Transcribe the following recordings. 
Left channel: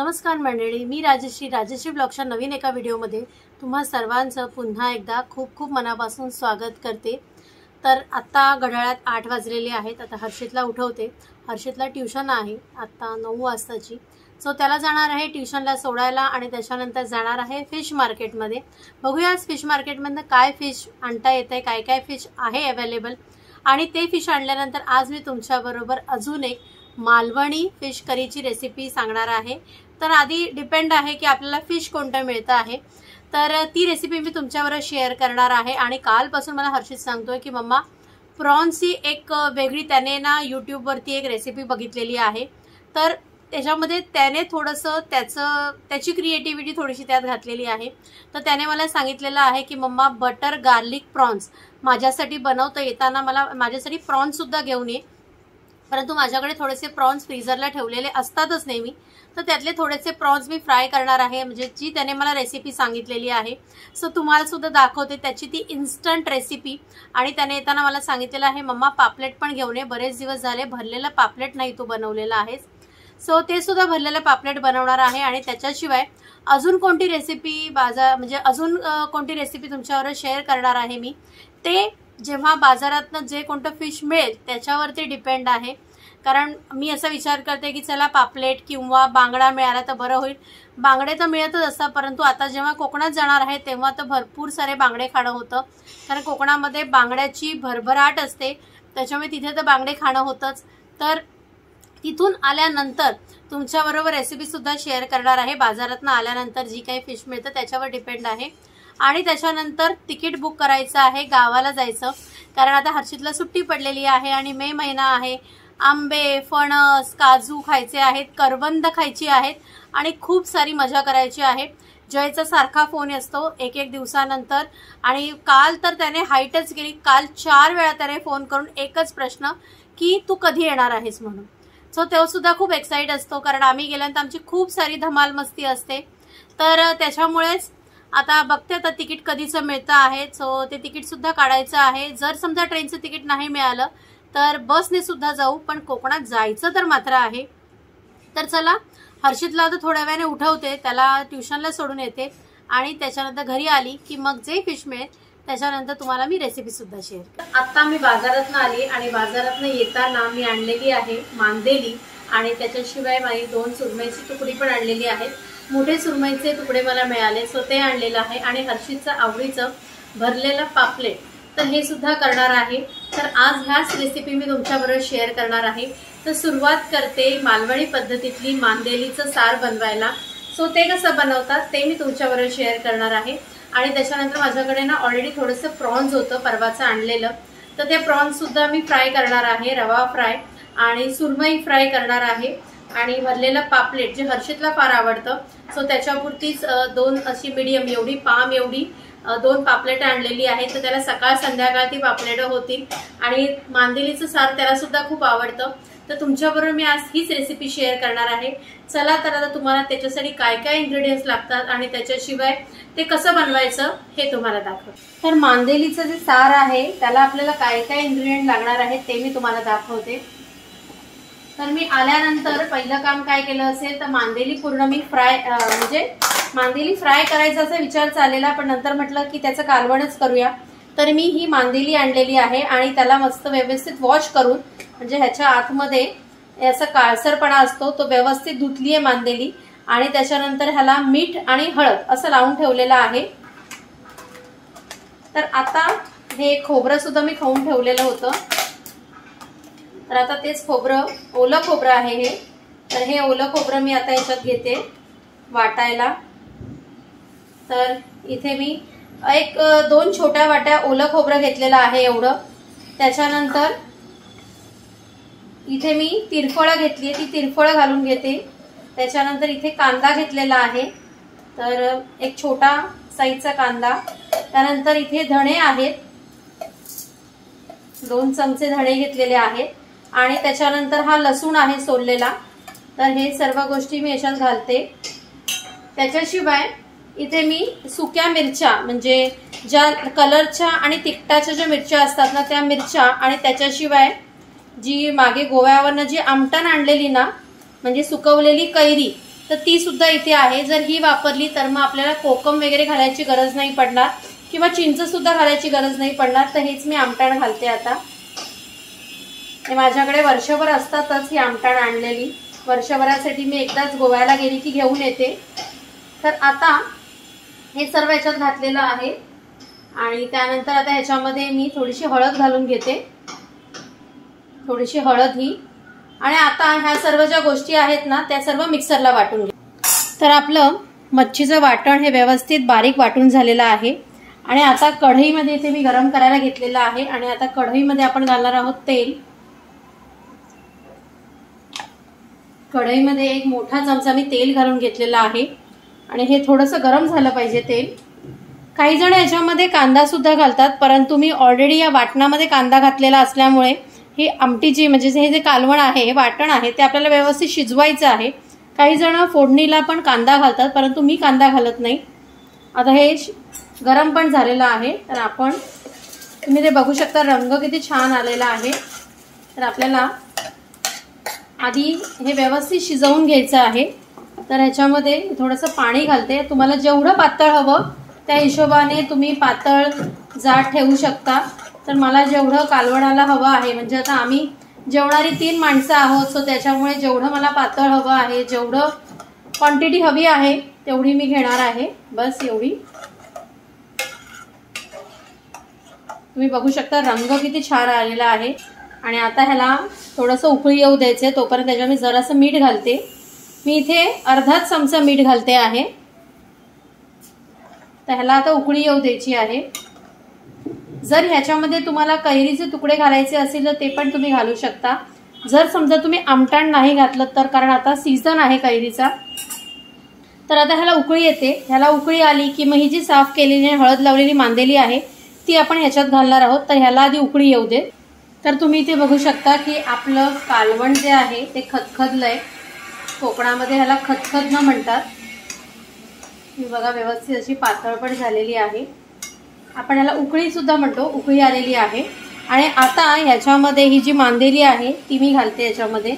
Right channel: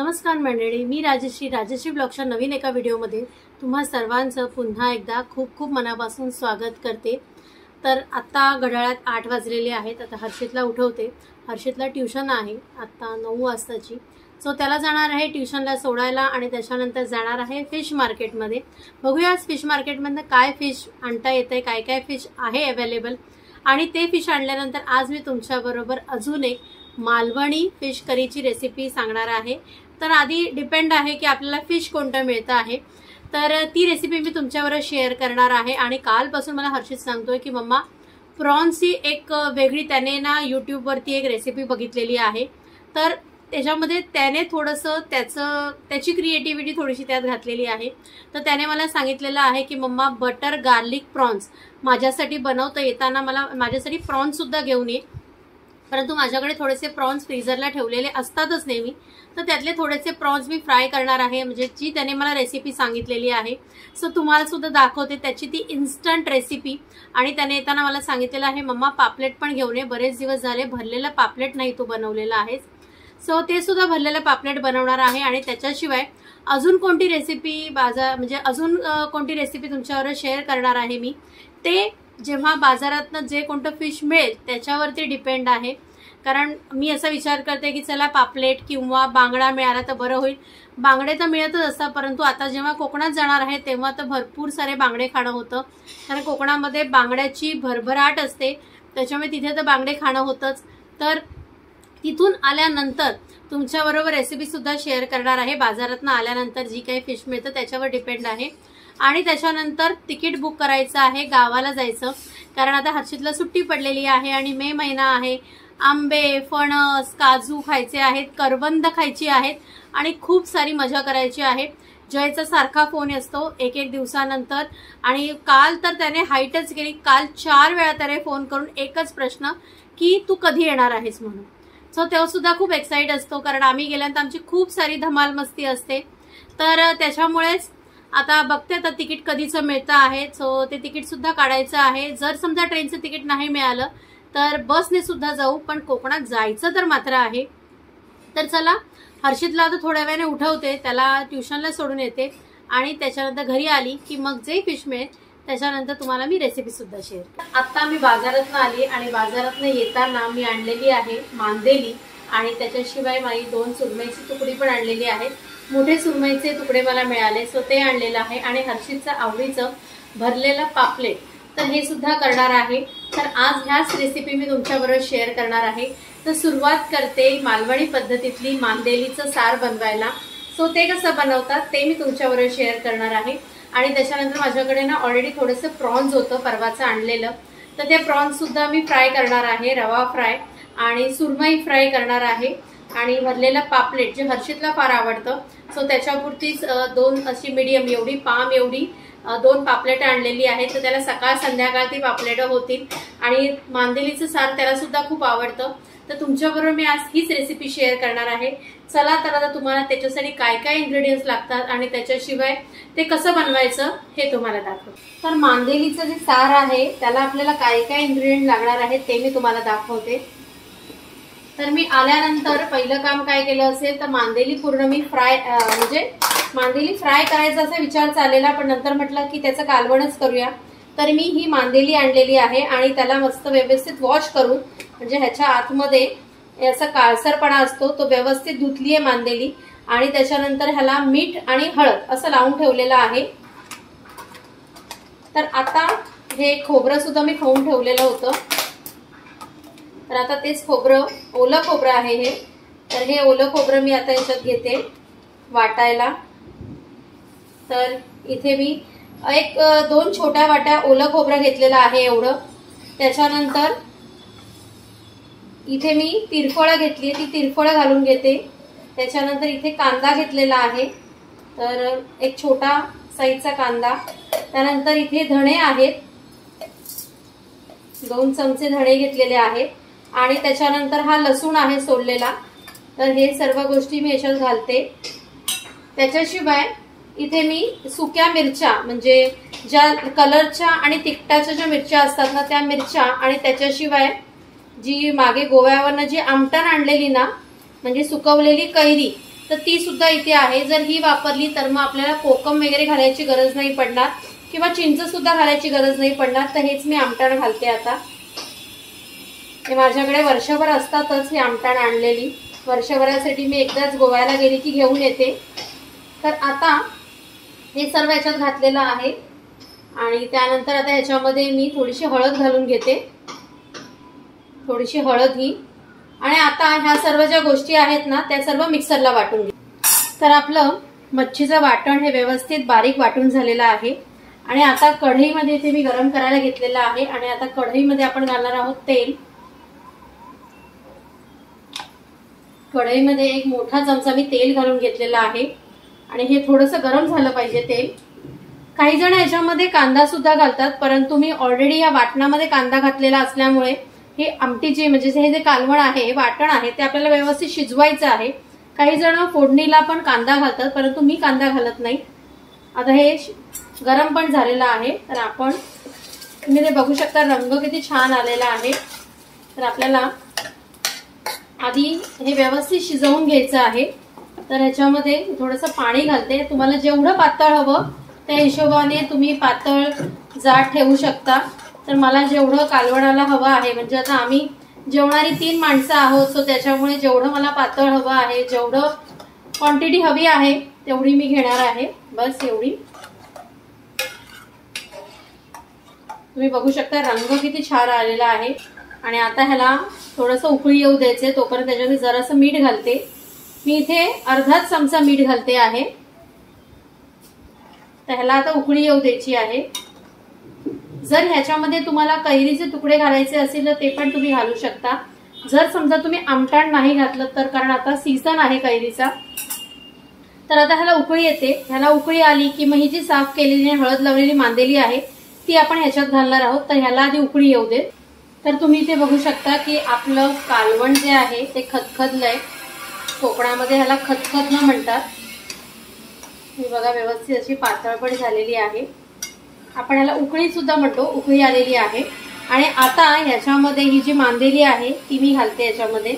नमस्कार मंडळी, मी राजश्री ब्लॉगच्या नवीन एका व्हिडिओमध्ये तुम्हा सर्वांचं पुन्हा एकदा खूप खूप मनापासून स्वागत करते। तर आता घड्याळात 8 वाजलेले आहेत। आता हर्षितला उठवते। हर्षितला ट्यूशन आहे आता 9 वाजताची, सो त्याला जाणार आहे ट्यूशनला सोडायला आणि त्याच्यानंतर जाणार आहे फिश मार्केटमध्ये। बघूया आज फिश मार्केटमध्ये काय फिश आणता येते, काय काय फिश आहे अवेलेबल, आणि ते फिश आणल्यानंतर आज मी तुमच्याबरोबर अजून एक मालवणी फिश करीची रेसिपी सांगणार आहे। तर आधी डिपेंड आहे की आपल्याला फिश कोणतं मिळतं आहे, तर ती रेसिपी मी तुमच्याबरोबर शेअर करणार आहे। आणि कालपासून मला हर्षित सांगतोय की मम्मा प्रॉन्सची एक वेगळी त्याने ना यूट्यूबवरती एक रेसिपी बघितलेली आहे, तर त्याच्यामध्ये त्याने थोडंसं त्याची क्रिएटिव्हिटी थोडीशी त्यात घातलेली आहे। तर त्याने मला सांगितलेलं आहे की मम्मा बटर गार्लिक प्रॉन्स माझ्यासाठी बनवता येताना मला माझ्यासाठी प्रॉन्स सुद्धा घेऊन ये, परंतु माझ्याकडे थोडेसे प्रॉन्स फ्रीजरला ठेवलेले असतातच नेहमी, तर त्यातले थोडेसे प्रॉन्स मी फ्राय करणार आहे, म्हणजे जी त्याने मला रेसिपी सांगितलेली आहे। सो तुम्हाला सुद्धा दाखवते त्याची ती इन्स्टंट रेसिपी। आणि त्याने येताना मला सांगितलेलं आहे मम्मा पापलेट पण घेऊन ये, बरेच दिवस झाले भरलेलं पापलेट नाही तू बनवलेलं आहेस। सो ते सुद्धा भरलेलं पापलेट बनवणार आहे। आणि त्याच्याशिवाय अजून कोणती रेसिपी अजून कोणती रेसिपी तुमच्यावर शेअर करणार आहे मी, ते जेव्हा बाजारातनं जे कोणतं फिश मिळेल त्याच्यावरती डिपेंड आहे। कारण मी असा विचार करते की चला पापलेट किंवा बांगडा मिळाला तर बरं होईल। बांगडे तर मिळतच असतात, परंतु आता जेव्हा कोकणात जाणार आहे तेव्हा तर भरपूर सारे बांगडे खाणं होतं, कारण कोकणामध्ये बांगड्याची भरभराट असते, त्याच्यामुळे तिथे तर बांगडे खाणं होतंच। तर तिथून आल्यानंतर तुमच्याबरोबर रेसिपी सुद्धा शेअर करणार आहे। बाजारातनं आल्यानंतर जी काही फिश मिळतं त्याच्यावर डिपेंड आहे। आणि त्याच्यानंतर तिकीट बुक करायचं आहे, गावाला जायचं, कारण आता हर्षितला सुट्टी पडलेली आहे आणि मे महिना आहे। आंबे, फणस, काजू खायचे आहेत, करवंद खायची आहेत आणि खूप सारी मजा करायची आहे। जयचा सारखा फोन असतो एक दिवसानंतर, आणि काल तर त्याने हाईटच केली। काल 4 वेळा त्याने फोन करून एकच प्रश्न की तू कधी येणार आहेस म्हणून। सो तो सुद्धा खूप एक्साइट असतो, कारण आम्ही गेल्यानंतर आमची खूप सारी धमाल मस्ती असते। तर त्याच्यामुळेच आता बघते आता तिकीट कधीचं मिळतं आहे, सो ते तिकीट सुद्धा काढायचं आहे। जर समजा ट्रेनचं तिकीट नाही मिळालं तर बसने सुद्धा जाऊ, पण कोकणात जायचं तर मात्र आहे। तर चला हर्षितला आता थोड्या वेळाने उठवते, त्याला ट्यूशनला सोडून येते आणि त्याच्यानंतर घरी आली की मग जे फिश मिळेल त्याच्यानंतर तुम्हाला मी रेसिपी सुद्धा शेअर। आता मी बाजारातनं आली आणि बाजारातनं येताना मी आणलेली आहे मांदेली, आणि त्याच्याशिवाय माझी 2 सुरमईची तुकडी पण आणलेली आहे। मोठे सुरमईचे तुकडे मला मिळाले, सो ते आणलेलं आहे। आणि हर्षितचं आवडीचं भरलेलं पापलेट, तर हे सुद्धा करणार आहे। तर आज ह्याच रेसिपी मी तुमच्याबरोबर शेअर करणार आहे। तर सुरुवात करते मालवणी पद्धतीतली मांदेलीचं सार बनवायला। सो ते कसं बनवतात ते मी तुमच्याबरोबर शेअर करणार आहे। आणि त्याच्यानंतर माझ्याकडे ना ऑलरेडी थोडंसं प्रॉन्स होतं परवाचं आणलेलं, तर ते प्रॉन्स सुद्धा मी फ्राय करणार आहे, रवा फ्राय आणि सुरमई फ्राय करणार आहे। आणि भरलेलं पापलेट जे हर्षितला फार आवडतं, सो त्याच्यापुरतीच 2 अशी मीडियम एवढी पाम एवढी 2 पापलेट आणलेली आहेत, तर त्याला सकाळ संध्याकाळ ती पापलेट होतील। आणि मांदेलीचं सार त्याला सुद्धा खूप आवडतं, तर तुमच्याबरोबर मी आज हीच रेसिपी शेअर करणार आहे। चला तर आता तुम्हाला त्याच्यासाठी काय काय इंग्रेडियंट्स लागतात आणि त्याच्याशिवाय ते कसं बनवायचं हे तुम्हाला दाखवते। तर मांदेलीचं जे सार आहे त्याला आपल्याला काय काय इंग्रेडियंट लागणार आहे ते मी तुम्हाला दाखवते। तर मी आल्यानंतर पहिलं काम काय केलं असेल तर मांदेली पूर्ण मी मांदेली फ्राय करायचा असा विचार चाललेला, पण नंतर म्हटलं की त्याचं कालवणच करूया। तर मी ही मांदेली आणलेली आहे आणि त्याला मस्त व्यवस्थित वॉश करून, म्हणजे ह्याच्या आतमध्ये असा काळसरपणा असतो तो व्यवस्थित धुतली आहे मांदेली। आणि त्याच्यानंतर ह्याला मीठ आणि हळद असं लावून ठेवलेलं आहे। तर आता हे खोबरं सुद्धा मी खाऊन ठेवलेलं होतं, तर आता तेच खोबरं, ओलं खोबरं आहे हे, तर हे ओलं खोबरं मी आता याच्यात घेते वाटायला। तर इथे मी 2 छोट्या वाट्या ओलं खोबरं घेतलेलं आहे एवढं। त्याच्यानंतर इथे मी तिरफळं घेतली, ती तिरफळं घालून घेते। त्याच्यानंतर इथे कांदा घेतलेला आहे, तर एक छोटा साईजचा कांदा। त्यानंतर इथे धणे आहेत, 2 चमचे धणे घेतलेले आहेत। आणि त्याच्यानंतर हा लसूण आहे सोललेला, तर हे सर्व गोष्टी मी याच्यात घालते। त्याच्याशिवाय इथे मी सुक्या मिरच्या, म्हणजे ज्या कलरच्या आणि तिखटाच्या ज्या मिरच्या असतात ना त्या मिरच्या, आणि त्याच्याशिवाय जी मागे गोव्यावरनं जी आमटण आणलेली ना, म्हणजे सुकवलेली कैरी, तर ती सुद्धा इथे आहे। जर ही वापरली तर मग आपल्याला कोकम वगैरे घालायची गरज नाही पडणार किंवा चिंच सुद्धा घालायची गरज नाही पडणार। तर हेच मी आमटाण घालते आता। हे माझ्याकडे वर्षभर असतातच ही आमटाण आणलेली, वर्षभरासाठी मी एकदाच गोव्याला गेली की घेऊन येते। तर आता हे सर्व याच्यात घातलेलं आहे आणि त्यानंतर आता ह्याच्यामध्ये मी थोडीशी हळद घालून घेते, थोडीशी हळद ही। आणि आता ह्या सर्व ज्या गोष्टी आहेत ना त्या सर्व मिक्सरला वाटून घे। तर आपलं मच्छीचं वाटण हे व्यवस्थित बारीक वाटून झालेलं आहे आणि आता कढईमध्ये इथे मी गरम करायला घेतलेलं आहे आणि आता कढईमध्ये आपण घालणार आहोत तेल। कढईमध्ये एक मोठा चमचा मी तेल घालून घेतलेला आहे आणि हे थोडंसं गरम झालं पाहिजे तेल। काही जण याच्यामध्ये कांदा सुद्धा घालतात, परंतु मी ऑलरेडी या वाटणामध्ये कांदा घातलेला असल्यामुळे ही आमटीची म्हणजे हे जे कालवण आहे, हे वाटण आहे, ते आपल्याला व्यवस्थित शिजवायचं आहे। काही जण फोडणीला पण कांदा घालतात, परंतु मी कांदा घालत नाही। आता हे गरम पण झालेलं आहे, तर आपण तुम्ही ते बघू शकता रंग किती छान आलेला आहे। तर आपल्याला आधी हे व्यवस्थित शिजवून घ्यायचं आहे। तर ह्याच्यामध्ये थोडंसं पाणी घालते, तुम्हाला जेवढं पातळ हवं त्या हिशोबाने तुम्ही पातळ जाड ठेवू शकता। तर मला जेवढं कालवणाला हवं आहे, म्हणजे आता आम्ही जेवणारी 3 माणसं आहोत, सो त्याच्यामुळे जेवढं मला पातळ हवं आहे, जेवढं क्वांटिटी हवी आहे तेवढी मी घेणार आहे, बस एवढी। तुम्ही बघू शकता रंग किती छान आलेला आहे आणि आता ह्याला थोडंसं उकळी येऊ द्यायचे, तोपर्यंत त्याच्यामध्ये जरासं मीठ घालते। मी इथे अर्धाच चमचा मीठ घालते आहे। तर ह्याला आता उकळी येऊ द्यायची आहे। जर ह्याच्यामध्ये तुम्हाला कैरीचे तुकडे घालायचे असेल तर ते पण तुम्ही घालू शकता। जर समजा तुम्ही आमटाण नाही घातलं तर, कारण आता सीझन आहे कैरीचा। तर आता ह्याला उकळी येते, ह्याला उकळी आली की मग ही जी साफ केलेली हळद लावलेली मांदेली आहे ती आपण ह्याच्यात घालणार आहोत। तर ह्याला आधी उकळी येऊ दे। तर तुम्ही इथे बघू शकता की आपलं कालवण जे आहे ते खदखदलंय। कोकणामध्ये ह्याला खदखदणं म्हणतात। ही बघा व्यवस्थित अशी पातळ पण झालेली आहे। आपण ह्याला उकळी सुद्धा म्हणतो, उकळी आलेली आहे। आणि आता ह्याच्यामध्ये ही जी मांदेली आहे ती मी घालते याच्यामध्ये।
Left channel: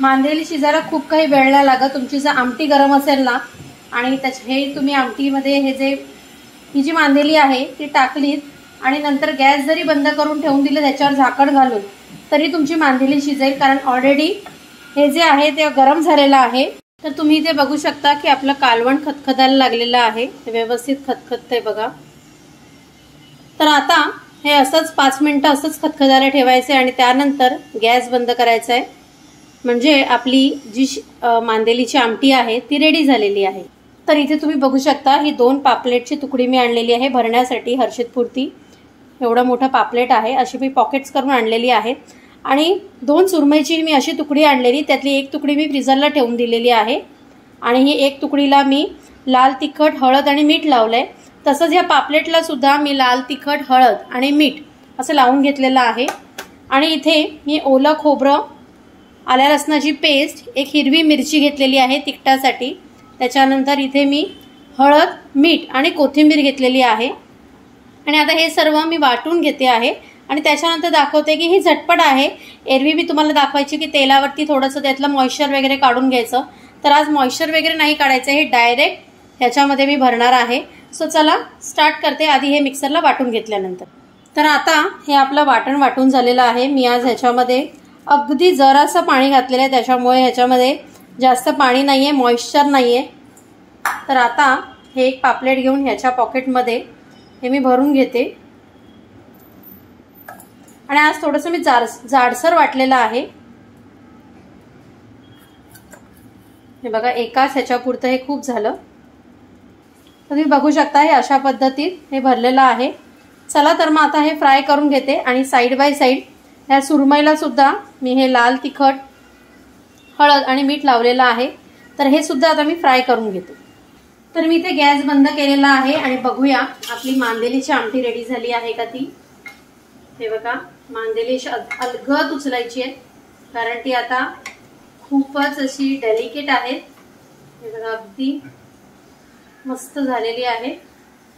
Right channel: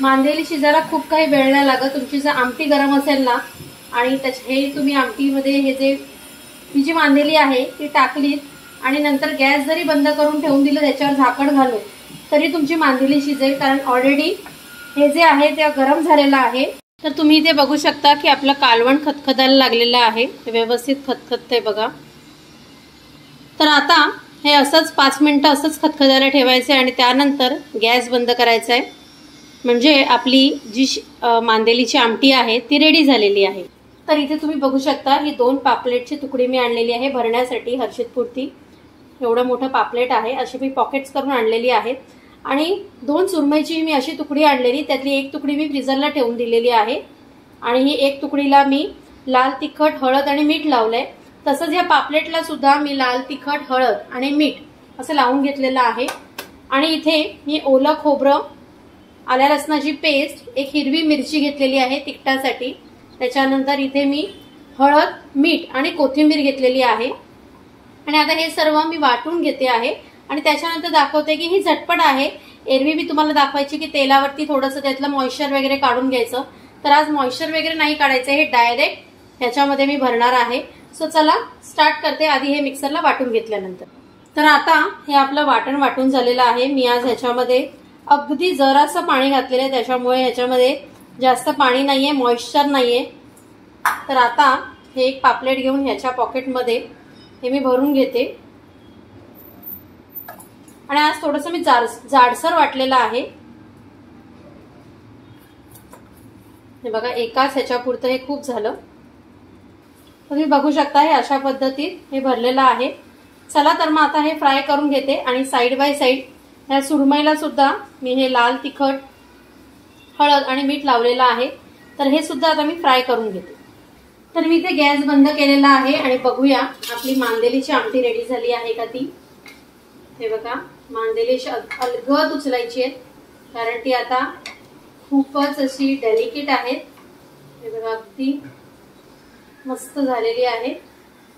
मांदेली शिजायला खूप काही वेळ नाही लागत। तुमची जर आमटी गरम असेल ना आणि हे तुम्ही आमटीमध्ये ही जी मांदेली आहे ती टाकलीत आणि नंतर गॅस जरी बंद करून ठेवून दिलं त्याच्यावर झाकण घालून, तरी तुमची मांदेली शिजेल, कारण ऑलरेडी हे जे आहे ते गरम झालेलं आहे। तर तुम्ही इथे बघू शकता की आपलं कालवण खदखदायला लागलेलं आहे, व्यवस्थित खदखदतंय बघा। तर आता हे असंच 5 मिनिटं असंच खदखदायला ठेवायचं आणि त्यानंतर गॅस बंद करायचा आहे, म्हणजे आपली जी मांदेलीची आमटी आहे ती रेडी झालेली आहे। तर इथे तुम्ही बघू शकता ही 2 पापलेटची तुकडी मी आणलेली आहे भरण्यासाठी, हर्षितपुरती एवढं मोठं पापलेट आहे, अशी मी पॉकेट्स करून आणलेली आहे। आणि 2 सुरमईची मी अशी तुकडी आणलेली, त्यातली 1 तुकडी मी फ्रीजरला ठेवून दिलेली आहे आणि ही 1 तुकडीला मी लाल तिखट, हळद आणि मीठ लावलंय। तसंच या पापलेटला सुद्धा मी लाल तिखट, हळद आणि मीठ असं लावून घेतलेलं आहे। आणि इथे मी ओलं खोबरं, आल्या लसणाची पेस्ट, 1 हिरवी मिरची घेतलेली आहे तिखटासाठी, त्याच्यानंतर इथे मी हळद, मीठ आणि कोथिंबीर घेतलेली आहे। आणि आता हे सर्व मी वाटून घेते आहे आणि त्याच्यानंतर दाखवते की ही झटपट आहे। एरवी मी तुम्हाला दाखवायची की तेलावरती थोडंसं त्यातलं मॉइश्चर वगैरे काढून घ्यायचं, तर आज मॉइश्चर वगैरे नाही काढायचं, हे डायरेक्ट ह्याच्यामध्ये मी भरणार आहे। सो चला स्टार्ट करते, आधी हे मिक्सरला वाटून घेतल्यानंतर। तर आता हे आपलं वाटण वाटून झालेलं आहे। मी आज ह्याच्यामध्ये अगदी जरासं पाणी घातलेलं आहे, त्याच्यामुळे ह्याच्यामध्ये जास्त पाणी नाहीये, मॉइश्चर नाहीये। तर आता हे 1 पापलेट घेऊन ह्याच्या पॉकेटमध्ये हे मी भरून घेते आणि आज थोडंसं मी जाडसर वाटलेलं आहे। हे बघा एकाच ह्याच्यापुरतं हे खूप झालं। तुम्ही बघू शकता हे अशा पद्धतीत हे भरलेलं आहे। चला तर मग आता हे फ्राय करून घेते आणि साइड बाय साइड ह्या सुरमईला सुद्धा मी हे लाल तिखट, हळद आणि मीठ लावलेलं आहे, तर हे सुद्धा आता मी फ्राय करून घेते। तर मी इथे गॅस बंद केलेला आहे आणि बघूया आपली मांदेलीची आमटी रेडी झाली आहे का ती। हे बघा मांदेली अलगद उचलायची आहे, कारण ती आता खूपच अशी डेलिकेट आहे। हे बघा अगदी मस्त झालेली आहे।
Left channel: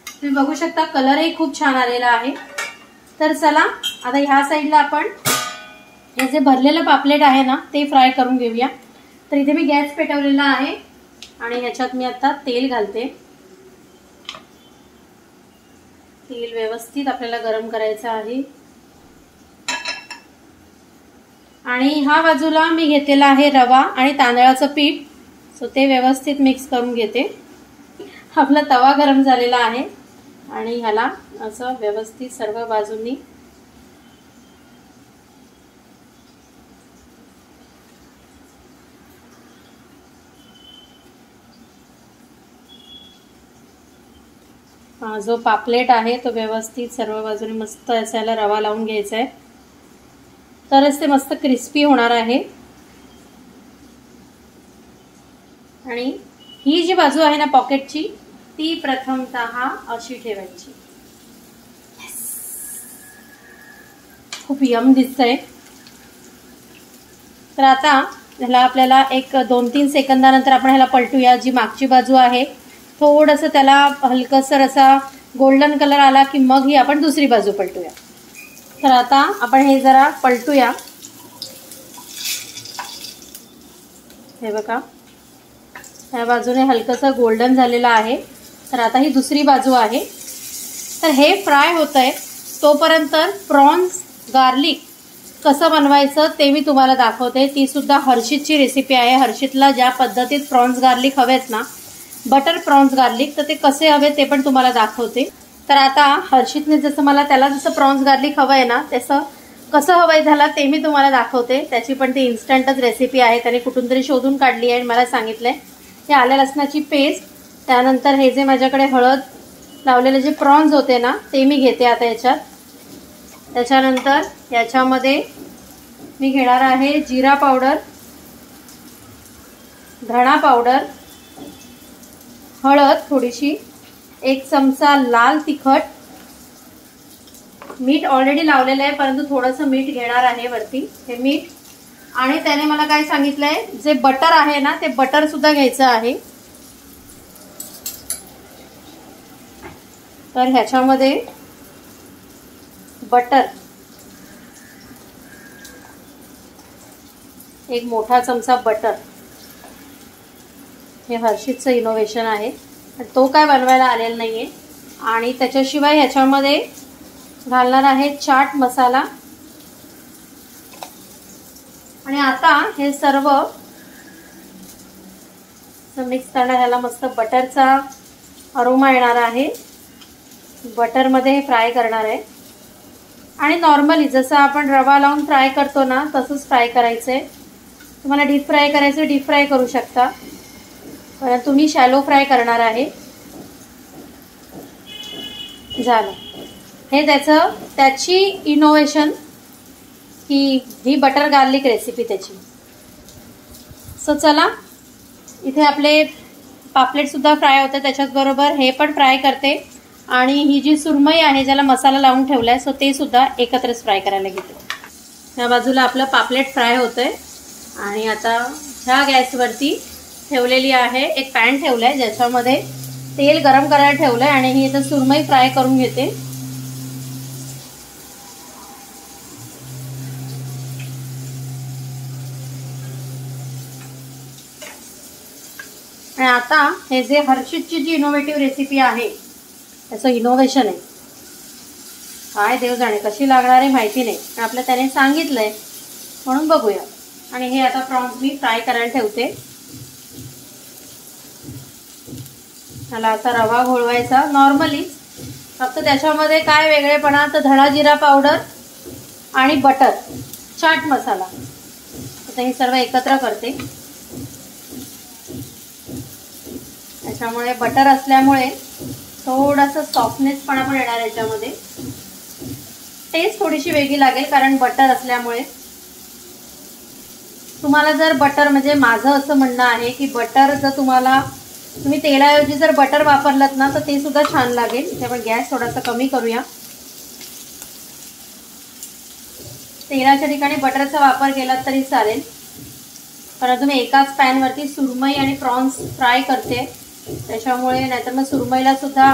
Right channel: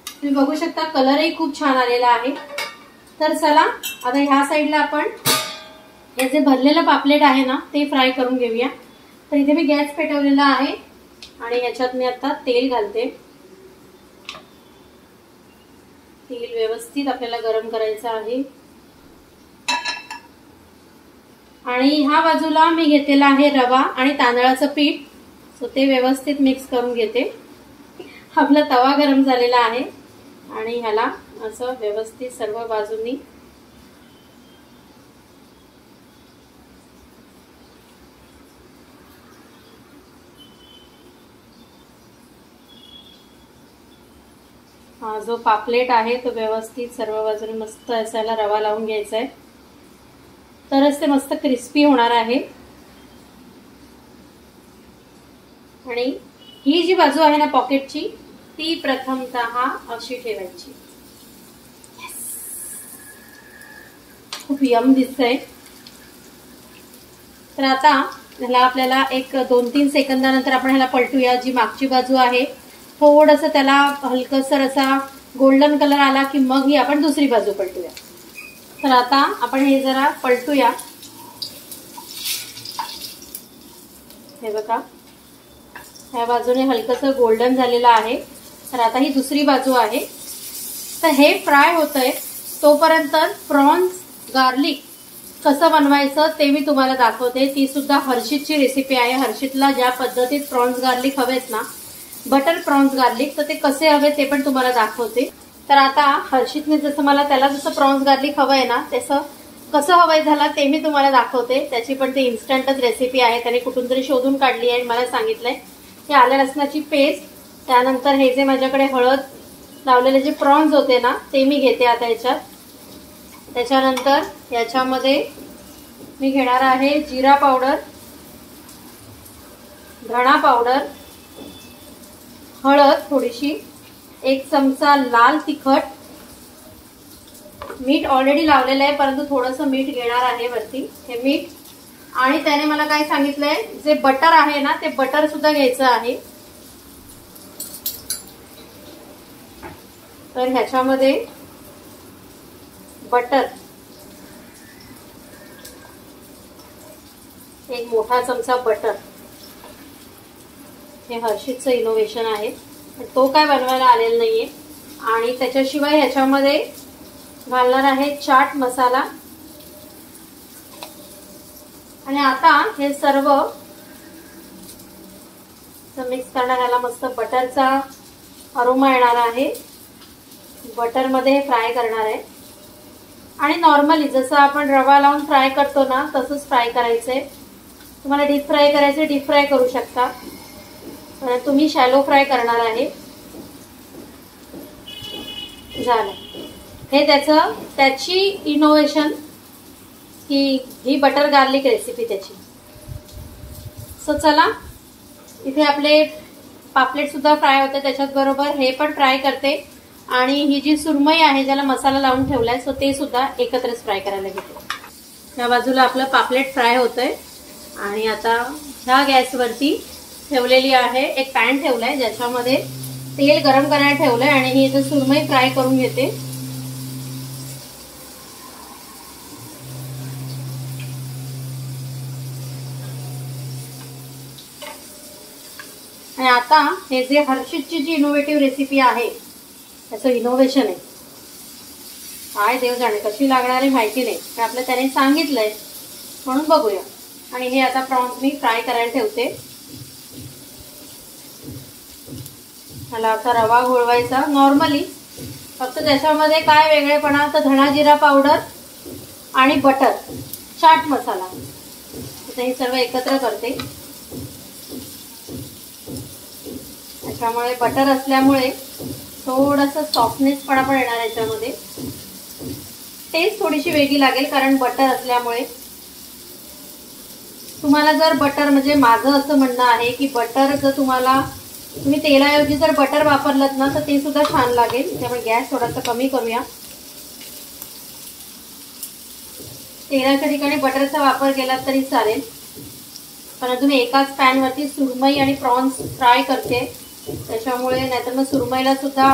तुम्ही बघू शकता कलरही खूप छान आलेला आहे। तर चला आता ह्या साईडला आपण हे जे भरलेलं पापलेट आहे ना ते फ्राय करून घेऊया। तर इथे मी गॅस पेटवलेला आहे आणि याच्यात मी आता तेल घालते। तेल व्यवस्थित आपल्याला गरम करायचं आहे। आणि ह्या बाजूला मी घेतलेला आहे रवा आणि तांदळाचं पीठ, सो ते व्यवस्थित मिक्स करून घेते। आपला तवा गरम झालेला आहे आणि ह्याला असं व्यवस्थित सर्व बाजूंनी जो पापलेट आहे तो व्यवस्थित सर्व बाजूने मस्त असायला रवा लावून घ्यायचा आहे, तरच ते मस्त क्रिस्पी होणार आहे। आणि ही जी बाजू आहे ना पॉकेटची, ती प्रथमतः अशी ठेवायची। खूप यम दिसतंय। तर आता ह्याला आपल्याला एक 2-3 सेकंदानंतर आपण ह्याला पलटूया। जी मागची बाजू आहे थोडंसं त्याला हलकसर असा गोल्डन कलर आला की मग ही आपण दुसरी बाजू पलटूया। तर आता आपण हे जरा पलटूया। हे बघा, ह्या बाजूने हलकसं गोल्डन झालेलं आहे। तर आता ही दुसरी बाजू आहे। तर हे फ्राय होतंय तोपर्यंत प्रॉन्स गार्लिक कसं बनवायचं ते मी तुम्हाला दाखवते। ती सुद्धा हर्षितची रेसिपी आहे। हर्षितला ज्या पद्धतीत प्रॉन्स गार्लिक हवेत ना, बटर प्रॉन्स गार्लिक, तर ते कसे हवे ते पण तुम्हाला दाखवते। तर आता हर्षितने जसं मला त्याला जसं प्रॉन्स गार्लिक हवंय ना तसं कसं हवंय झाला ते मी तुम्हाला दाखवते। त्याची पण ती इन्स्टंटच रेसिपी आहे, त्याने कुठून तरी शोधून काढली आहे आणि मला सांगितलंय। हे आलं लसणाची पेस्ट, त्यानंतर हे जे माझ्याकडे हळद लावलेले जे प्रॉन्स होते ना ते मी घेते आता याच्यात। त्याच्यानंतर याच्यामध्ये मी घेणार आहे जिरा पावडर, धणा पावडर, हळद थोडीशी, 1 चमचा लाल तिखट, मीठ ऑलरेडी लावलेलं आहे परंतु थोडंसं मीठ घेणार आहे वरती, हे मीठ। आणि त्याने मला काय सांगितलंय, जे बटर आहे ना ते बटर सुद्धा घ्यायचं आहे। तर ह्याच्यामध्ये बटर 1 मोठा चमचा बटर, हे हर्षितचं इनोव्हेशन आहे, तो काय बनवायला आलेला नाहीये। आणि त्याच्याशिवाय ह्याच्यामध्ये घालणार आहे चाट मसाला। आणि आता हे सर्व मिक्स करणार, ह्याला मस्त बटरचा अरोमा येणार आहे। बटर मध्ये फ्राय करणार आहे आणि नॉर्मली जसं आपण रवा लावून फ्राय करतो ना तसंच फ्राय करायचंय। तुम्हाला डीप फ्राय करायचं डीप फ्राय करू शकता, परंतु मी शॅलो फ्राय करणार आहे। झालं, हे त्याची इनोव्हेशन ही बटर गार्लिक रेसिपी त्याची। सो चला, इथे आपले पापलेट सुद्धा फ्राय होते, त्याच्याच बरोबर हे पण फ्राय करते। आणि ही जी सुरमई आहे ज्याला मसाला लावून ठेवलाय सो ते सुद्धा एकत्रच फ्राय करायला घेते। या बाजूला आपलं पापलेट फ्राय होतंय आणि आता ह्या गॅसवरती ठेवलेली आहे एक पॅन ठेवलाय ज्याच्यामध्ये तेल गरम करायला ठेवलंय आणि ही इथं सुरमई फ्राय करून घेते। आणि आता हे जे हर्षितची जी इनोव्हेटिव्ह रेसिपी आहे त्याचं इनोव्हेशन आहे, काय देव जाणे कशी लागणार आहे माहिती नाही, पण आपलं त्याने सांगितलंय म्हणून बघूया। आणि हे आता प्रॉन्स मी फ्राय करायला ठेवते। त्याला आता रवा घोळवायचा नॉर्मली, फक्त त्याच्यामध्ये काय वेगळेपणा तर धणा जिरा पावडर आणि बटर, चाट मसाला, आता हे सर्व एकत्र करते। त्याच्यामुळे बटर असल्यामुळे थोडासा सॉफ्टनेस पण आपण येणार याच्यामध्ये, टेस्ट थोडीशी वेगळी लागेल कारण बटर असल्यामुळे। तुम्हाला जर बटर म्हणजे माझं असं म्हणणं आहे की बटर जर तुम्ही तेलाऐवजी जर बटर वापरलत ना तर ते सुद्धा छान लागेल। त्यामुळे गॅस थोडासा कमी करूया। तेलाच्या ठिकाणी बटरचा वापर केला तरी चालेल, परंतु मी एकाच पॅन वरती सुरमई आणि प्रॉन्स फ्राय करते त्याच्यामुळे, नाहीतर मग सुरमईला सुद्धा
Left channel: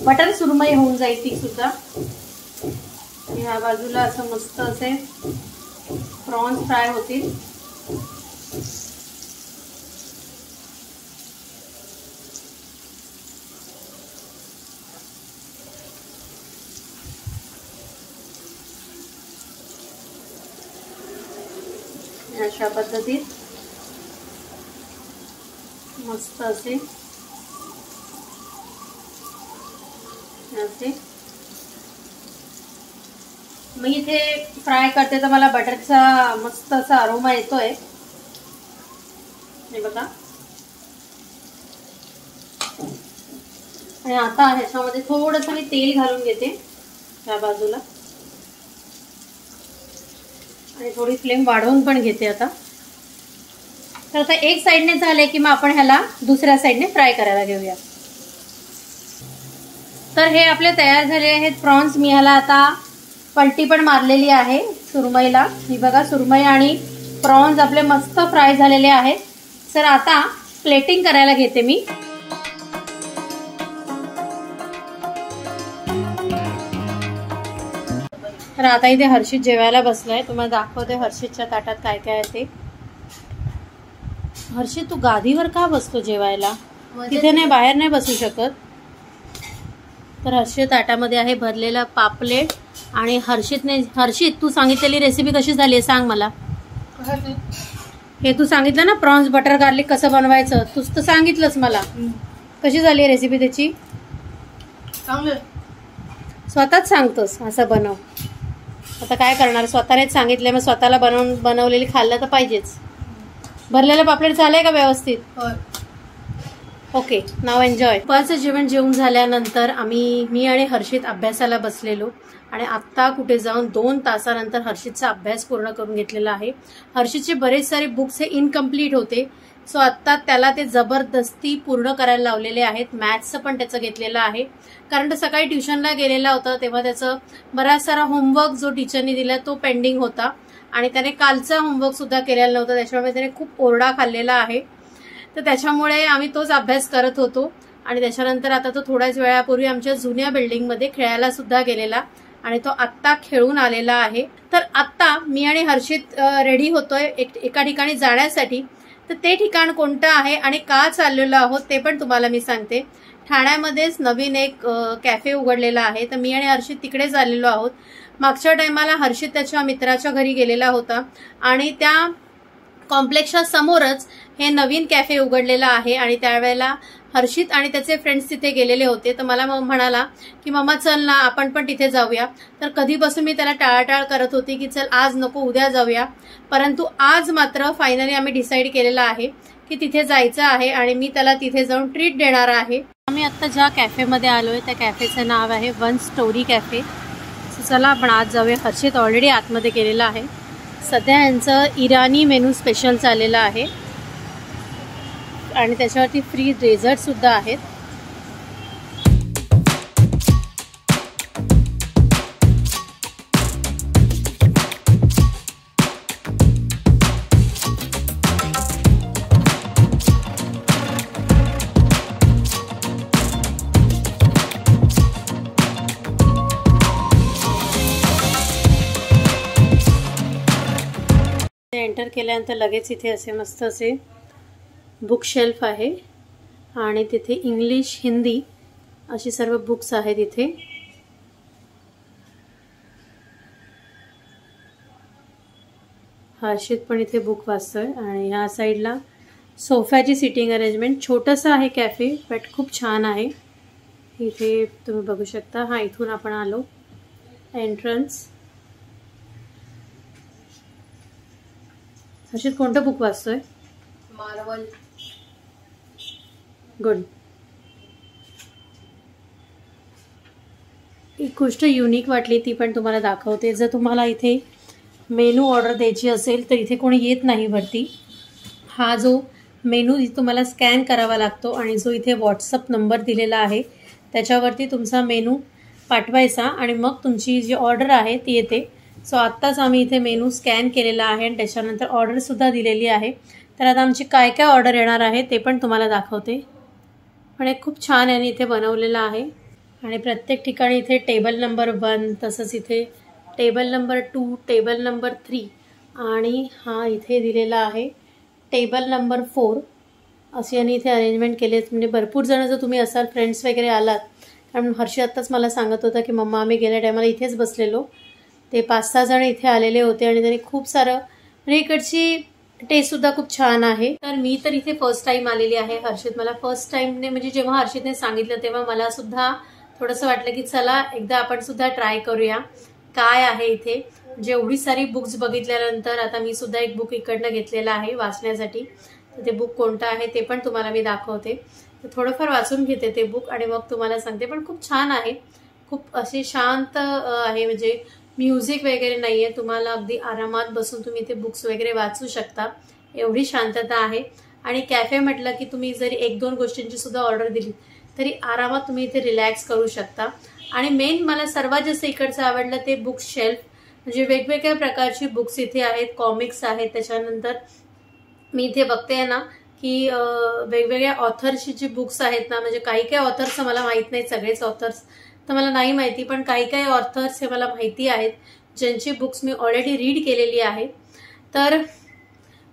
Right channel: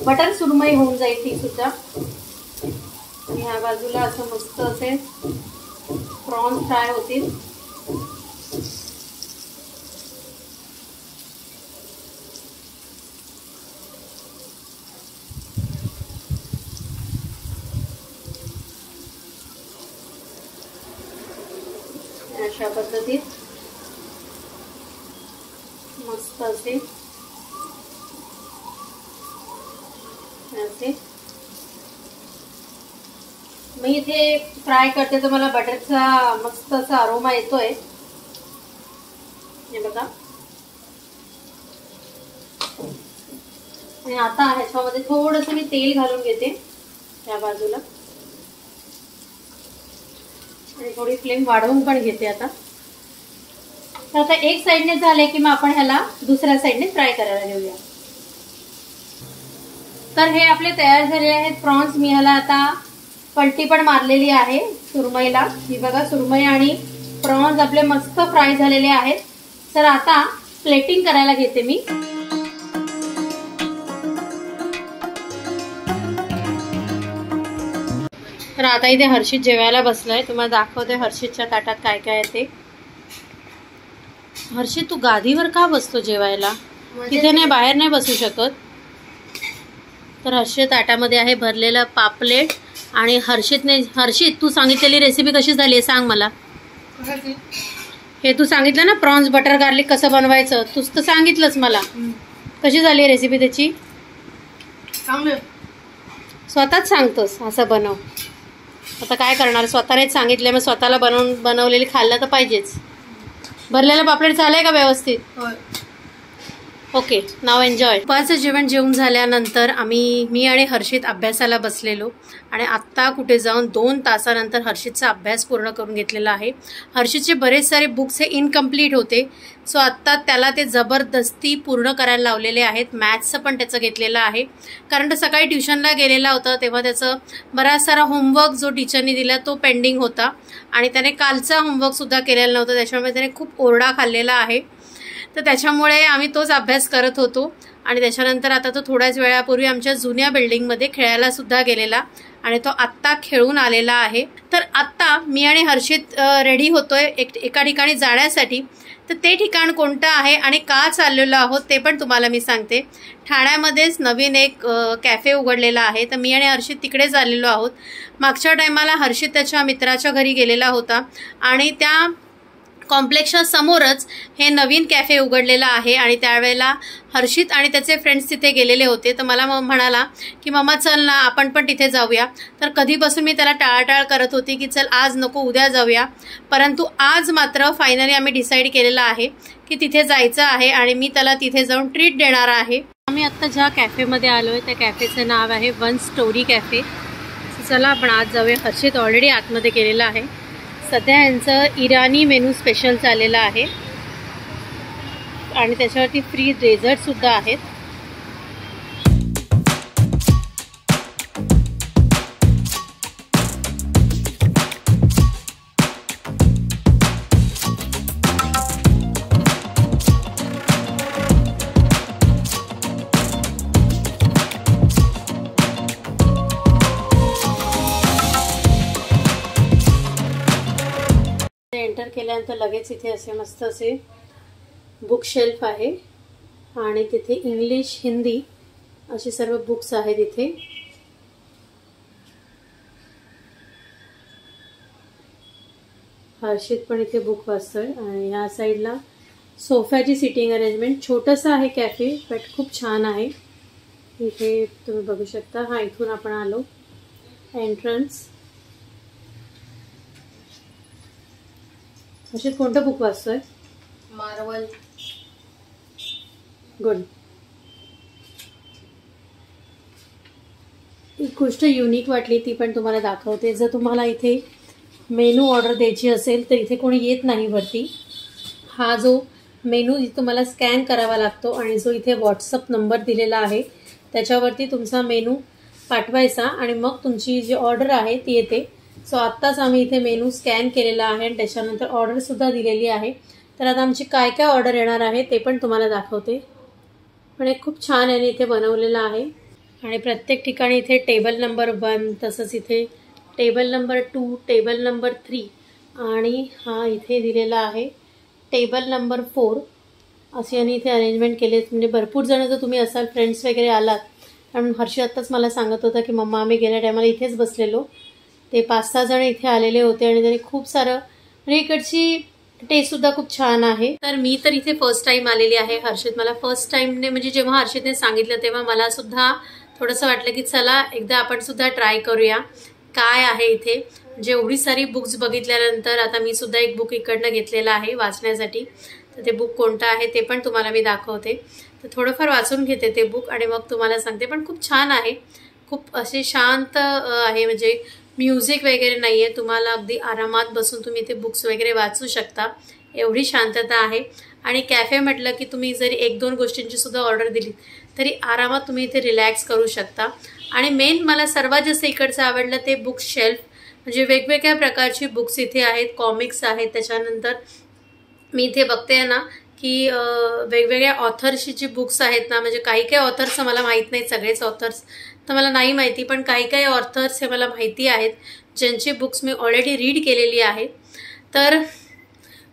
बटर सुरमई होऊन जाईल ती सुद्धा। ह्या बाजूला असं मस्त असे प्रॉन्स फ्राय होतील। अशा पद्धतीत मस्त असे मी इथे फ्राय करते तर मला बटरचा मस्त असा अरोमा येतोय, हे बघा. आणि आता ह्याच्यामध्ये थोडंसं मी तेल घालून घेते त्या बाजूला आणि थोडी फ्लेम वाढवून पण घेते आता. तर आता एक साइडने झाले की मग आपण ह्याला दुसऱ्या साइडने फ्राय करायला घेऊया. तर हे आपले तयार झाले आहेत प्रॉन्स. मी ह्याला आता पलटी पण मारलेली आहे सुरमईला. ही बघा सुरमई आणि प्रॉन्स आपले मस्त फ्राय झालेले आहेत. तर आता प्लेटिंग करायला घेते मी. तर आता इथे हर्षित जेवायला बसलाय. तुम्हाला दाखवते हर्षितच्या ताटात काय काय आहे ते. हर्षित तू गादीवर का बसतो जेवायला? तिथे नाही, बाहेर नाही बसू शकत. तर हर्षित ताटामध्ये आहे भरलेला पापलेट आणि हर्षित तू सांगितलेली रेसिपी कशी झाली आहे सांग मला. हे तू सांगितलं ना प्रॉन्स बटर गार्लिक कसं बनवायचं, तूच तर सांगितलंच मला. कशी झाली रेसिपी त्याची? स्वतःच सांगतोस असं बनव. आता काय करणार, स्वतःनेच सांगितलं मग स्वतःला बनवलेली खाल्लं तर पाहिजेच. भरलेलं पापलेट झालंय का व्यवस्थित? ओके, नाव एन्जॉय. दुपारचं जेवण जेवून झाल्यानंतर मी आणि हर्षित अभ्यासाला बसलेलो आणि आत्ता कुठे जाऊन 2 तासानंतर हर्षितचा अभ्यास पूर्ण करून घेतलेला आहे. हर्षितचे बरेच सारे बुक्स हे इनकम्प्लीट होते, सो आत्ता त्याला ते जबरदस्ती पूर्ण करायला लावलेले आहेत. मॅथ्सचं पण त्याचं घेतलेलं आहे, कारण तो सकाळी ट्युशनला गेलेला होता तेव्हा त्याचं बराच सारा होमवर्क जो टीचरनी दिला तो पेंडिंग होता आणि त्याने कालचा होमवर्कसुद्धा केलेला नव्हता. त्याच्यामुळे त्याने खूप ओरडा खाल्लेला आहे. तर त्याच्यामुळे आम्ही तोच अभ्यास करत होतो आणि त्याच्यानंतर आता तो थोड्याच वेळापूर्वी आमच्या जुन्या बिल्डिंगमध्ये खेळायला सुद्धा गेलेला आणि तो आत्ता खेळून आलेला आहे. तर आत्ता मी आणि हर्षित रेडी होतोय एका ठिकाणी जाण्यासाठी. तर ते ठिकाण कोणतं आहे आणि का चाललेलो आहोत ते पण तुम्हाला मी सांगते. ठाण्यामध्येच नवीन एक कॅफे उघडलेला आहे, तर मी आणि हर्षित तिकडे चाललेलो आहोत. मागच्या टायमाला हर्षित त्याच्या मित्राच्या घरी गेलेला होता आणि त्या कॉम्प्लेक्सच्या समोरच हे नवीन कॅफे उघडलेलं आहे आणि त्यावेळेला हर्षित आणि त्याचे फ्रेंड्स तिथे गेलेले होते. तर मला म्हणाला की मम्मा चल ना आपण पण तिथे जाऊया. तर कधीपासून मी त्याला टाळाटाळ करत होती की चल आज नको उद्या जाऊया, परंतु आज मात्र फायनली आम्ही डिसाईड केलेलं आहे की तिथे जायचं आहे आणि मी त्याला तिथे जाऊन ट्रीट देणार आहे. आम्ही आत्ता ज्या कॅफेमध्ये आलोय त्या कॅफेचं नाव आहे वन स्टोरी कॅफे. चला आपण आज जाऊया. हर्षित ऑलरेडी आतमध्ये गेलेला आहे. सध्या यांचं इराणी मेनू स्पेशल चाललेलं आहे आणि त्याच्यावरती फ्री डेझर्टसुद्धा आहेत. एंटर केल्यानंतर लगेच इथे असे मस्त असे बुक शेल्फ आहे आणि तिथे इंग्लिश हिंदी अशी सर्व बुक्स आहेत. इथे हर्षित पण इथे बुक वाचतोय आणि ह्या साईडला सोफ्याची सिटिंग अरेंजमेंट. छोटंसं आहे कॅफे बट खूप छान आहे. इथे तुम्ही बघू शकता. हा इथून आपण आलो एंट्रन्स. हर्षित कोणतं बुक वाचतोय? मार्वल. गुड. एक गोष्ट युनिक वाटली ती पण तुम्हाला दाखवते. जर तुम्हाला इथे मेनू ऑर्डर द्यायची असेल तर इथे कोणी येत नाही वरती. हा जो मेनू तुम्हाला स्कॅन करावा लागतो आणि जो इथे व्हॉट्सअप नंबर दिलेला आहे त्याच्यावरती तुमचा मेनू पाठवायचा आणि मग तुमची जी ऑर्डर आहे ती येते. सो आत्ताच आम्ही इथे मेनू स्कॅन केलेला आहे आणि त्याच्यानंतर ऑर्डरसुद्धा दिलेली आहे. तर आता आमची काय काय ऑर्डर येणार आहे ते पण तुम्हाला दाखवते. पण एक खूप छान याने इथे बनवलेलं आहे आणि प्रत्येक ठिकाणी इथे टेबल नंबर 1, तसंच इथे टेबल नंबर 2, टेबल नंबर 3 आणि हा इथे दिलेला आहे टेबल नंबर 4 अशी यांनी इथे अरेंजमेंट केली आहे. म्हणजे भरपूर जण जर तुम्ही असाल, फ्रेंड्स वगैरे आलात, कारण हर्षी आत्ताच मला सांगत होता की मम्मा आम्ही गेल्या टायमाला इथेच बसलेलो. ते 5-6 जण इथे आलेले होते आणि त्यांनी खूप सारं म्हणजे इकडची टेस्ट सुद्धा खूप छान आहे। तर मी तर इथे फर्स्ट टाइम आलेली आहे। हर्षित मला फर्स्ट टाइमने म्हणजे जेव्हा हर्षितने सांगितलं तेव्हा मला सुद्धा थोडंसं वाटलं की चला एकदा आपण सुद्धा ट्राय करूया काय आहे इथे। म्हणजे एवढी सारी बुक्स बघितल्यानंतर आता मी सुद्धा एक बुक इकडनं घेतलेलं आहे वाचण्यासाठी। तर ते बुक कोणतं आहे ते पण तुम्हाला मी दाखवते। तर थोडंफार वाचून घेते ते बुक आणि मग तुम्हाला सांगते। पण खूप छान आहे, खूप असे शांत आहे, म्हणजे म्युझिक वगैरे नाहीये, तुम्हाला अगदी आरामात बसून तुम्ही ते बुक्स वगैरे वाचू शकता, एवढी शांतता आहे। आणि कॅफे म्हटलं की तुम्ही जरी 1-2 गोष्टींची सुद्धा ऑर्डर दिली तरी आरामात तुम्ही इथे रिलॅक्स करू शकता। आणि मेन मला सर्वात जास्त इकडचं आवडलं ते बुक शेल्फ, म्हणजे वेगवेगळ्या प्रकारची बुक्स इथे आहेत, कॉमिक्स आहेत। त्याच्यानंतर मी इथे बघते ना की वेगवेगळ्या ऑथर्सची जी बुक्स आहेत ना, म्हणजे काही काही ऑथर्स मला माहीत नाही, सगळेच ऑथर्स तर मला नाही माहिती, पण काही काही ऑथर्स हे मला माहिती आहेत ज्यांची बुक्स मी ऑलरेडी रीड केलेली आहे। तर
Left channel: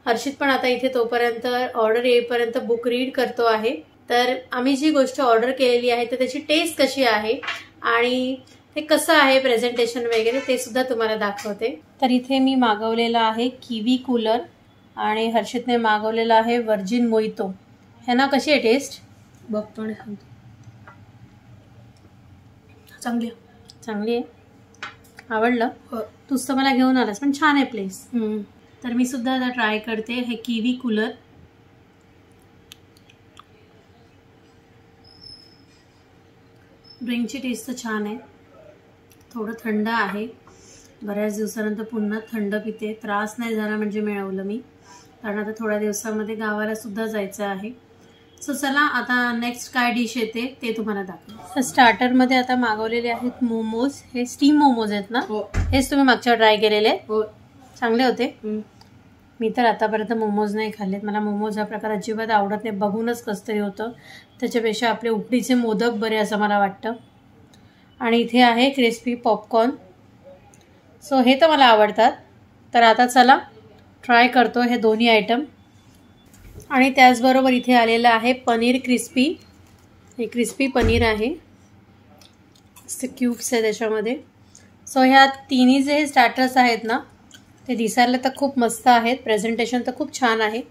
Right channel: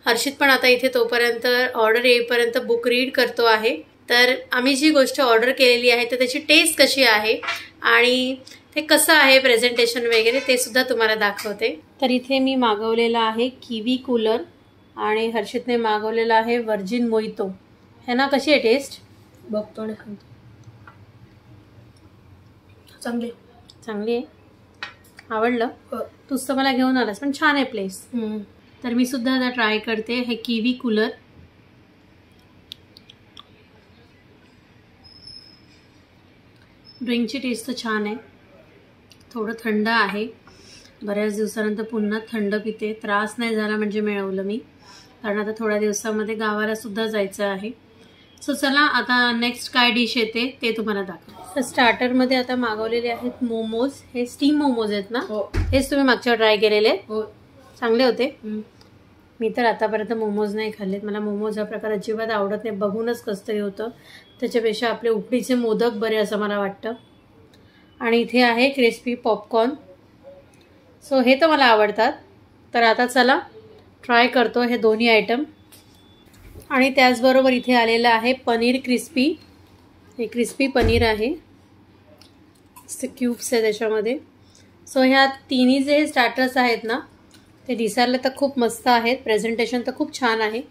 हर्षित पण आता इथे तोपर्यंत ऑर्डर येईपर्यंत बुक रीड करतो आहे। तर आम्ही जी गोष्ट ऑर्डर केलेली आहे तर त्याची टेस्ट कशी आहे आणि ते कसं आहे प्रेझेंटेशन वगैरे ते सुद्धा तुम्हाला दाखवते। तर इथे मी मागवलेला आहे किवी कूलर आणि हर्षितने मागवलेला आहे वर्जिन मोहितो। है ना, कशी आहे टेस्ट? बघतो आणि सांगतो। चांगली आहे, आवडलं? तूच तर मला घेऊन आलास, पण छान आहे प्लेस। तर मी सुद्धा आता ट्राय करते हे किवी कूलर। ड्रिंकची टेस्ट तर छान आहे, थोडं थंड आहे, बऱ्याच दिवसानंतर पुन्हा थंड पिते, त्रास नाही झाला म्हणजे मिळवलं मी, कारण आता थोड्या दिवसामध्ये गावाला सुद्धा जायचं आहे। सो चला आता नेक्स्ट काय डिश येते ते तुम्हाला दाखवते। तर स्टार्टरमध्ये आता मागवलेले आहेत मोमोज, हे स्टीम मोमोज आहेत ना? हेच तुम्ही मागच्या ट्राय केलेले? हो, चांगले होते। मी तर आतापर्यंत मोमोज नाही खाल्लेत, मला मोमोज हा प्रकार अजिबात आवडत नाही, बघूनच कसं तरी होतं, त्याच्यापेक्षा आपले उकडीचे मोदक बरे असं मला वाटतं। आणि इथे आहे क्रिस्पी पॉपकॉर्न, सो हे तर मला आवडतात। तर आता चला ट्राय करतो हे दोन्ही आयटम। आणि त्याचबरोबर इथे आलेलं आहे पनीर क्रिस्पी, हे क्रिस्पी पनीर आहे, क्यूब्स आहे त्याच्यामध्ये। सो ह्या तिन्ही जे स्टार्टर्स आहेत ना ते दिसायला तर खूप मस्त आहेत, प्रेझेंटेशन तर खूप छान आहे।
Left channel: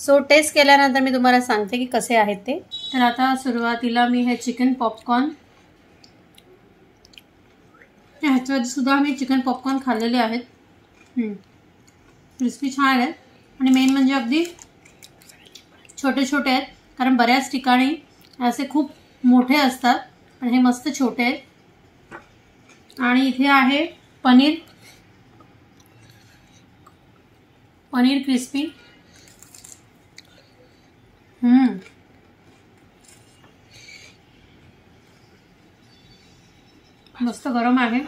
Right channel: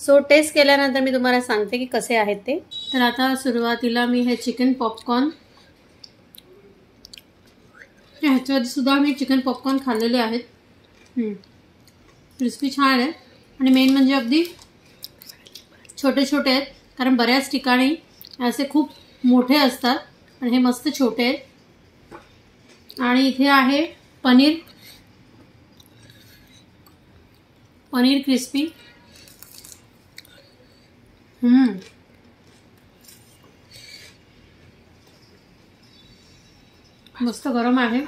सो टेस्ट केल्यानंतर मी तुम्हाला सांगते की कसे आहेत ते। तर आता सुरुवातीला मी हे चिकन पॉपकॉर्न, ह्याच्या आधी सुद्धा मी चिकन पॉपकॉर्न खाल्लेले आहेत, क्रिस्पी छान आहेत आणि मेन म्हणजे अगदी छोटे छोटे आहेत, कारण बऱ्याच ठिकाणी असे खूप मोठे असतात पण हे मस्त छोटे आहेत। आणि इथे आहे पनीर क्रिस्पी, मस्त गरम आहे।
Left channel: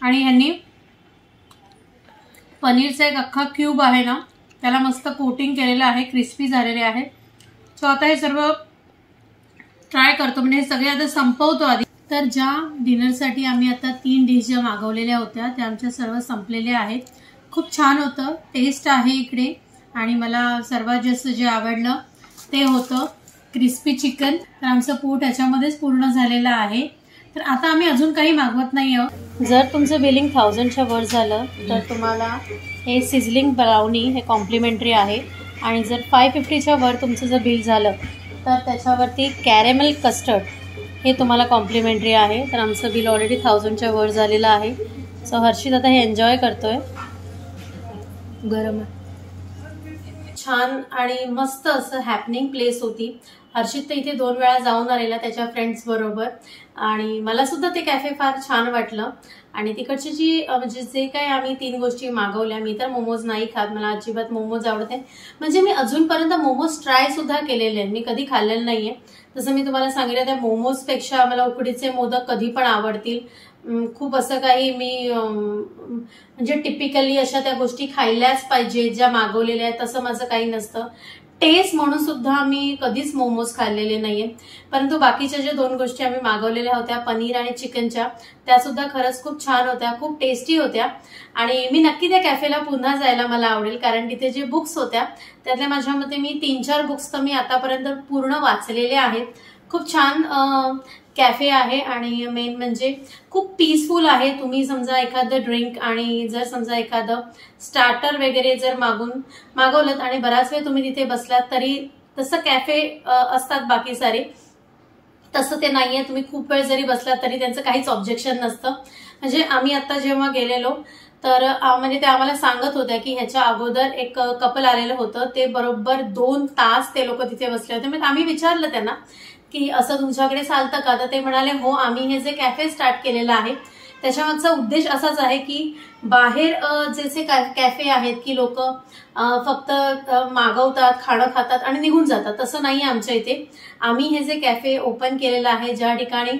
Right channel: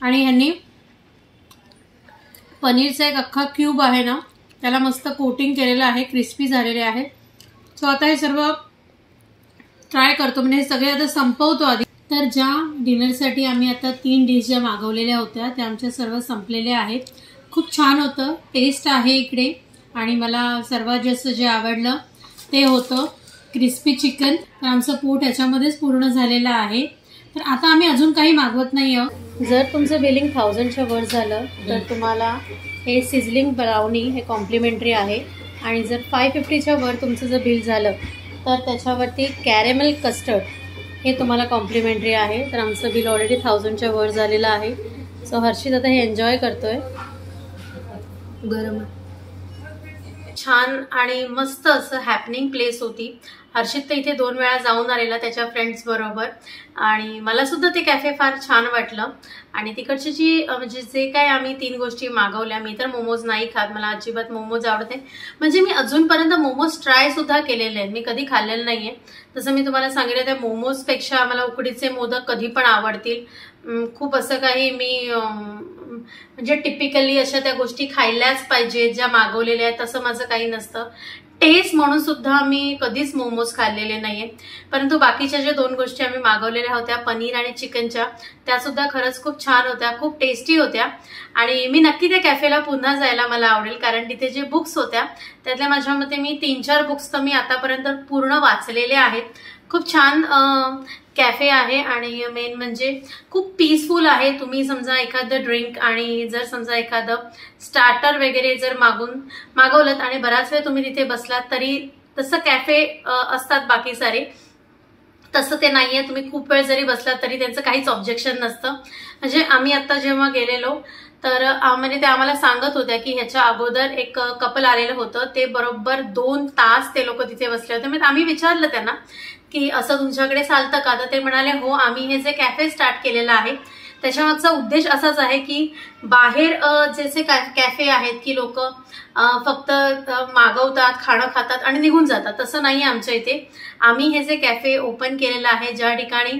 आणि ह्यांनी पनीरचा एक अख्खा क्यूब आहे ना त्याला मस्त कोटिंग केलेलं आहे, क्रिस्पी झालेले आहे। सो आता हे सर्व ट्राय करतो, म्हणजे हे सगळे आता संपवतो आधी। तर ज्या डिनरसाठी आम्ही आता 3 डिश ज्या मागवलेल्या होत्या त्या आमच्या सर्व संपलेल्या आहेत। खूप छान होतं, टेस्ट आहे इकडे। आणि मला सर्वात जास्त जे आवडलं ते होतं क्रिस्पी चिकन, तर आमचं पोट ह्याच्यामध्येच पूर्ण झालेलं आहे। तर आता आम्ही अजून काही मागवत नाही आहोत। जर तुमचं बिलिंग 1000च्या वर झालं तर तुम्हाला हे सिझलिंग ब्राउनी हे कॉम्प्लिमेंटरी आहे, आणि जर 550च्या वर तुमचं जर बिल झालं तर त्याच्यावरती कॅरेमल कस्टर्ड हे तुम्हाला कॉम्प्लिमेंटरी आहे। तर आमचं बिल ऑलरेडी 1000च्या वर झालेलं आहे। सो हर्षित आता हे एन्जॉय करतोय, गरम आहे, छान आणि मस्त असं हॅपनिंग प्लेस होती। हर्षित तर इथे 2 वेळा जाऊन आलेला त्याच्या फ्रेंड्स बरोबर, आणि मला सुद्धा ते कॅफे फार छान वाटलं। आणि तिकडची जी म्हणजे जे काय आम्ही 3 गोष्टी मागवल्या, मी तर मोमोज नाही खात, मला अजिबात मोमोज आवडत नाही, म्हणजे मी अजूनपर्यंत मोमोज ट्राय सुद्धा केलेले आहेत, मी कधी खाल्लेलं नाहीये। जसं मी तुम्हाला सांगितलं त्या मोमोजपेक्षा मला उकडीचे मोदक कधी पण आवडतील। खूप असं काही मी म्हणजे टिपिकली अशा त्या गोष्टी खायलाच पाहिजे ज्या मागवलेल्या आहेत तसं माझं काही नसतं। टेस्ट म्हणून सुद्धा मी कधीच मोमोज खाल्लेले नाहीये, परंतु बाकीच्या ज्या 2 गोष्टी आम्ही मागवलेल्या होत्या पनीर आणि चिकनच्या त्या सुद्धा खरंच खूप छान होत्या, खूप टेस्टी होत्या। आणि मी नक्की त्या कॅफेला पुन्हा जायला मला आवडेल, कारण तिथे जे बुक्स होत्या त्यातल्या माझ्या मते मी 3-4 बुक्स तर मी आतापर्यंत पूर्ण वाचलेले आहेत। खूप छान कॅफे आहे आणि मेन म्हणजे खूप पीसफुल आहे. तुम्ही समजा एखादं ड्रिंक आणि जर समजा एखादं स्टार्टर वगैरे जर मागवलं आणि बराच वेळ तुम्ही तिथे बसलात तरी तसं कॅफे असतात बाकी सारे, तसं ते नाहीये. तुम्ही खूप वेळ जरी बसलात तरी त्यांचं काहीच ऑब्जेक्शन नसतं. म्हणजे आम्ही आता जेव्हा गेलेलो तर म्हणजे ते आम्हाला सांगत होत्या की ह्याच्या अगोदर एक कपल आलेलं होतं, ते बरोबर 2 तास ते लोक तिथे बसले होते. म्हणजे आम्ही विचारलं त्यांना की असं तुमच्याकडे चालतं का, तर ते म्हणाले हो, आम्ही हे जे कॅफे स्टार्ट केलेलं आहे त्याच्यामागचा उद्देश असाच आहे की बाहेर जसे कॅफे आहेत की लोक फक्त मागवतात, खाणं खातात आणि निघून जातात, तसं नाही आमच्या इथे. आम्ही हे जे कॅफे ओपन केलेलं आहे ज्या ठिकाणी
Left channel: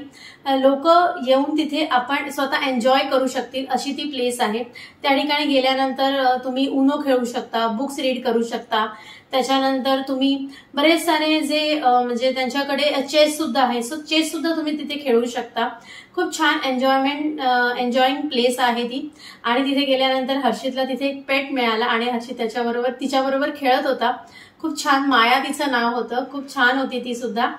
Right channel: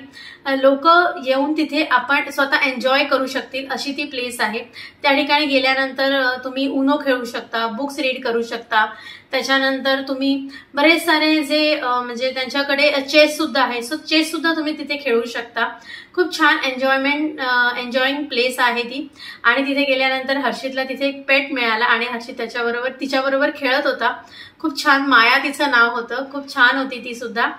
लोक येऊन तिथे आपण स्वतः एन्जॉय करू शकतील अशी ती प्लेस आहे. त्या ठिकाणी गेल्यानंतर तुम्ही उनो खेळू शकता, बुक्स रीड करू शकता, त्याच्यानंतर तुम्ही बरेच सारे जे म्हणजे त्यांच्याकडे चेस सुद्धा आहे, सो चेस सुद्धा तुम्ही तिथे खेळू शकता. खूप छान एन्जॉईंग प्लेस आहे ती. आणि तिथे गेल्यानंतर हर्षितला तिथे एक पेट मिळाला आणि हर्षित तिच्याबरोबर खेळत होता. खूप छान, माया तिचं नाव होतं, खूप छान होती ती सुद्धा.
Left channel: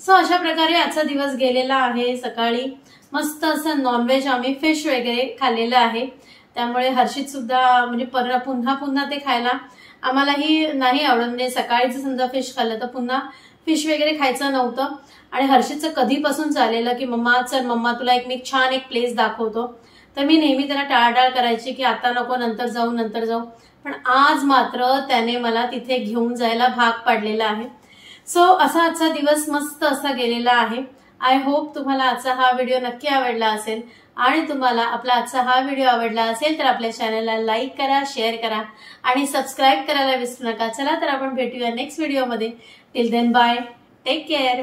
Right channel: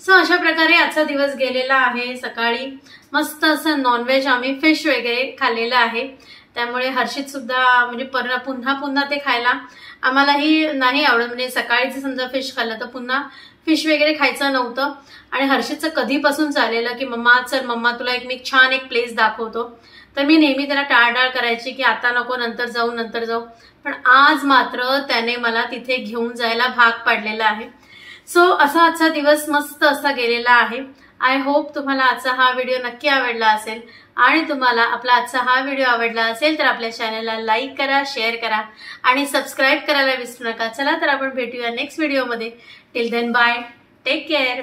सो अशा प्रकारे आजचा दिवस गेलेला आहे. सकाळी मस्त असं नॉनव्हेज आम्ही फिश वगैरे खाल्लेलं आहे, त्यामुळे हर्षित सुद्धा म्हणजे पुन्हा ते खायला आम्हालाही नाही आवडत. म्हणजे सकाळी जर समजा फिश खाल्लं तर पुन्हा फिश वगैरे खायचं नव्हतं. आणि हर्षितचं कधीपासून चाललेलं की मम्मा तुला मी छान एक प्लेस दाखवतो, तर मी नेहमी त्याला टाळाटाळ करायची की आता नको, नंतर जाऊ. पण आज मात्र त्याने मला तिथे घेऊन जायला भाग पाडलेला आहे. सो असा आजचा दिवस मस्त असा गेलेला आहे. आय होप तुम्हाला आजचा हा व्हिडिओ नक्की आवडला असेल. आणि तुम्हाला आपला आजचा हा व्हिडिओ आवडला असेल तर आपल्या चॅनलला लाईक करा, शेअर करा आणि सबस्क्राईब करायला विसरू नका. चला तर आपण भेटूया नेक्स्ट व्हिडिओमध्ये. Till then bye, take care.